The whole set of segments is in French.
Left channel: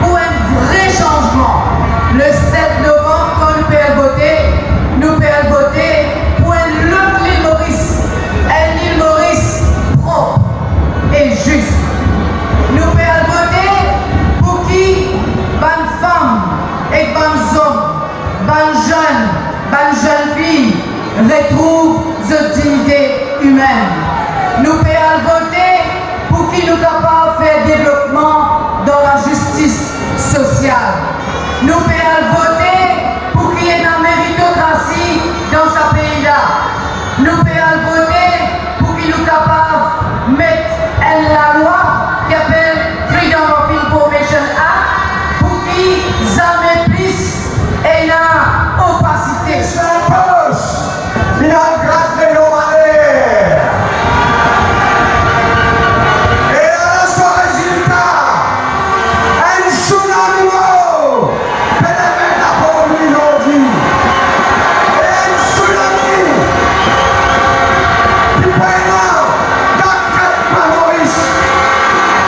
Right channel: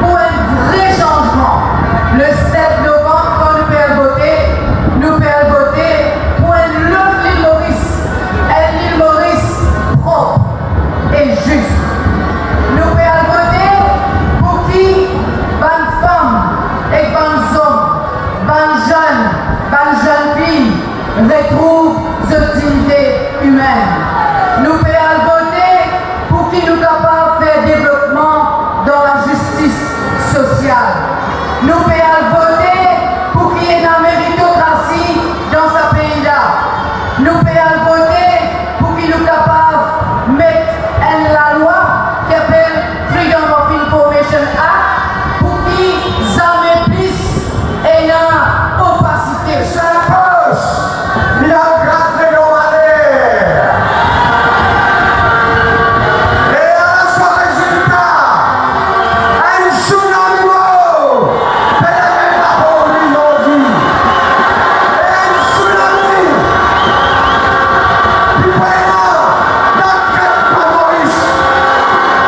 pour un vrai changement. Le 7 novembre, quand nous pouvons voter pour un autre l'île Maurice. Un île Maurice propre et juste. Nous pouvons voter pour qui bonne femme et bonnes hommes, bonnes jeunes filles retrouvent cette dignité humaine. Nous pouvons voter pour qui nous capables de faire développement dans la justice sociale. Nous pouvons voter pour qu'il y ait une méritocratie dans ce pays-là. Nous pouvons voter pour qu'il nous capables de mettre la loi qui appelle Freedom of Information Act pour qu'il jamais plus ait une opacité. Il a gratté nos valeurs. Et à ce résultat, un tsunami pèlerin la pauvre aujourd'hui. Et un tsunami qui pèlera dans 4 pas Maurice.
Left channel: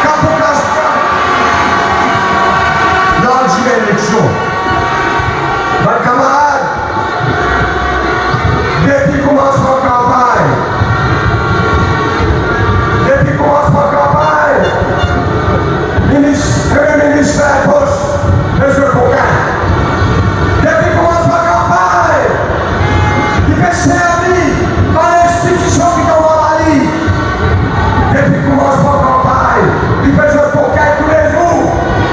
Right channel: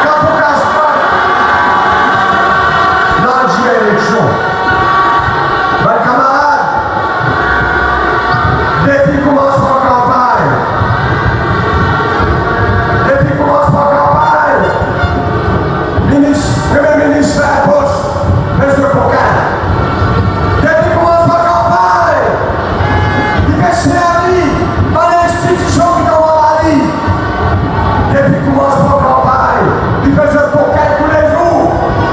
Quand on casse pas, dans l'élection. Mes camarades, depuis commencement campagne, Premier ministre fait un poste, M. Coquin. Depuis commencement campagne, il fait servi par l'institution qui nous a dit. Depuis commencement campagne, il fait M. Coquin tous les jours.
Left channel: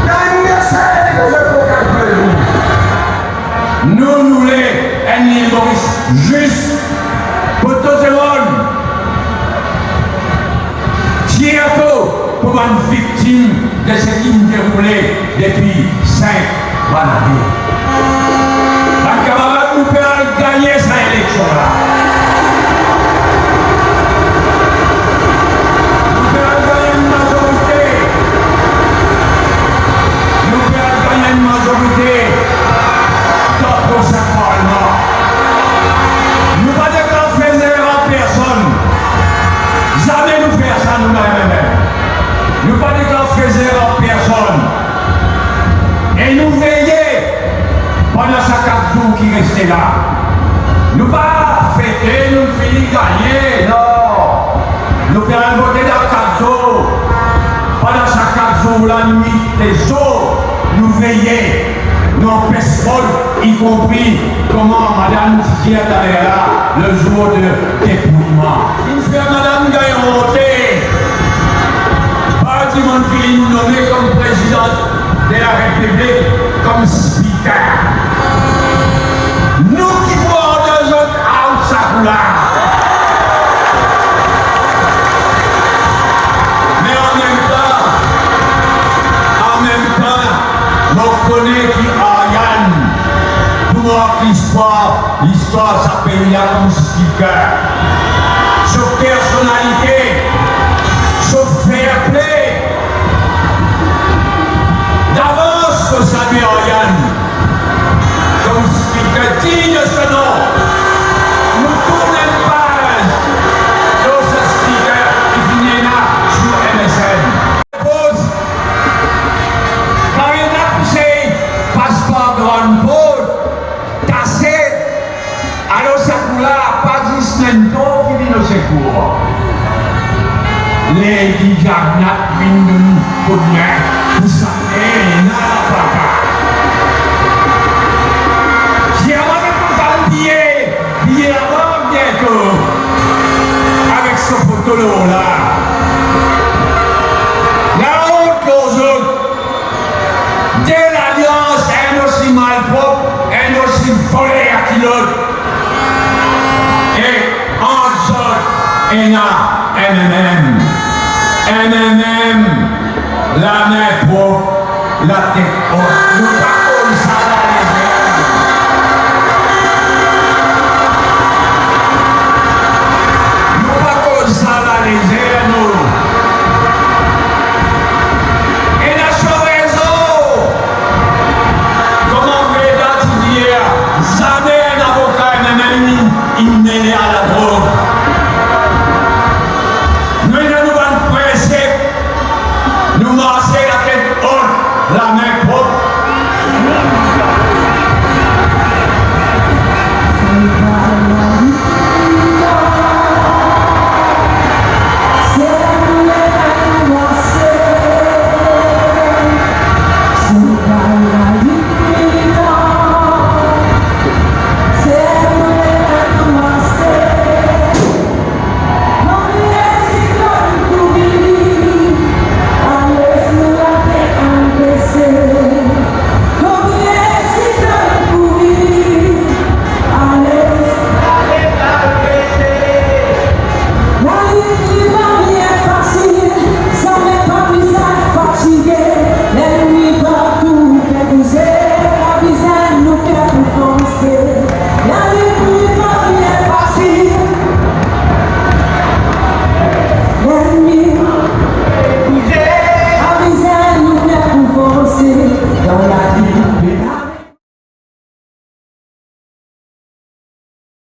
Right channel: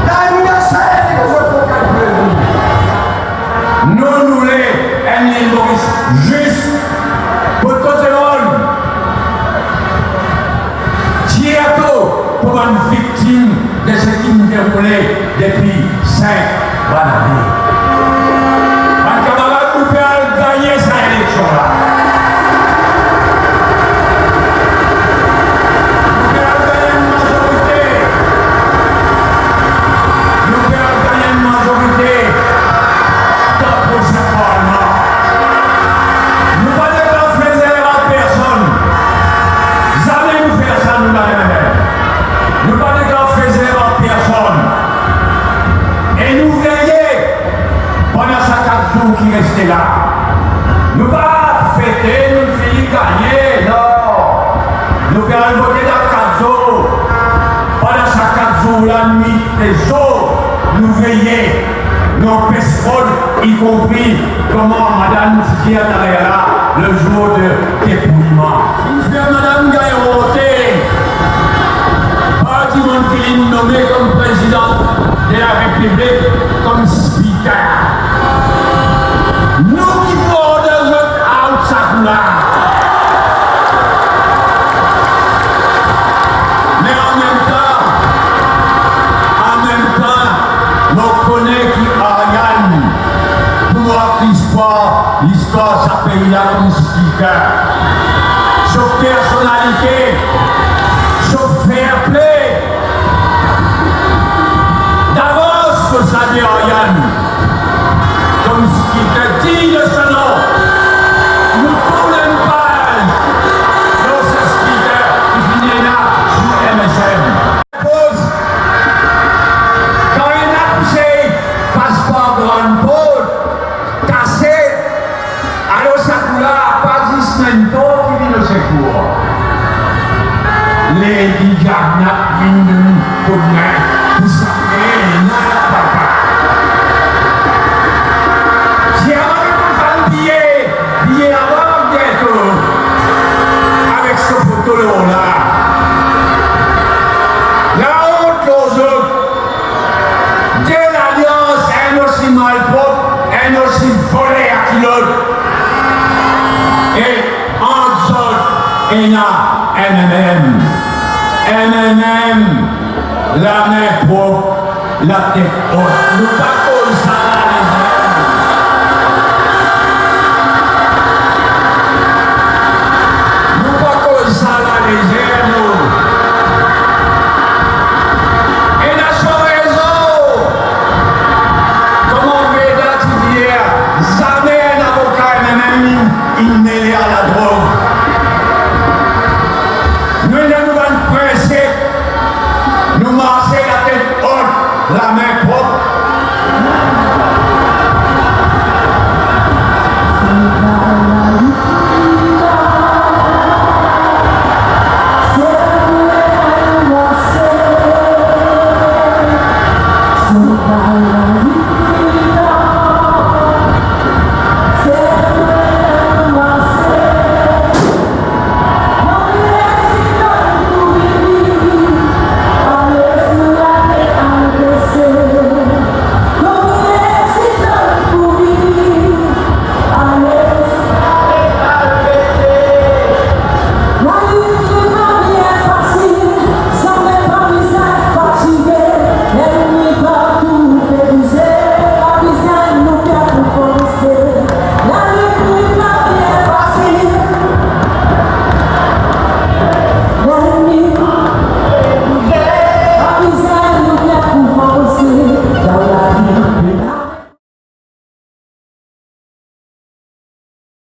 Dans l'université, il fait M. Coquin tous les jours. Nous voulons un île Maurice juste pour tout le monde. Bientôt pour une victime de ce qui nous déroulait depuis 5 années. Un camarade nous peut gagner cette élection-là. Nous pouvons gagner une majorité. Nous pouvons gagner une majorité. Pour ce Parlement. Nous ne pas de grand plaisir à personne. Jamais nous faire ça, nous n'avons. Nous pas de grand plaisir à personne. Et nous veiller pendant ces 4 jours qui restent là. Nous pas fêter, nous finir gagner, non. Nous pouvons voter dans 4 jours. Pendant ces 4 jours, la nuit, les jours, nous veiller. Nos personnes, y compris comment Madame Titia est là le jour de dépouillement. Une fois Madame Gaillon voté, parti mon qui nommé comme président de la République, comme speaker. Nous qui portons de notre out sa couleur. Mais en même temps, nous connaissons qui l'histoire s'appelle là comme speaker. Sur personnalité, sur fair play. D'avance, vous savez, Ariane, comme speaker digne de ce nom, nous tournons une page dans ce speaker qui finit là sur MSN. Pause. Quand il a poussé passeport grande pause, alors ça coula pas 10 semaines qui vient au secours. Les Gagnat viennent de nous coup de main pour s'appeler la papa. J'ai avancé pour faire un billet avant bientôt, avec ce photo-là. La honte aux autres, dès l'alliance, un aussi malpropre, un aussi volé à qui l'autre. Et en sorte, il y a NMM, la main propre, la tête haute. Nous pas comme ça.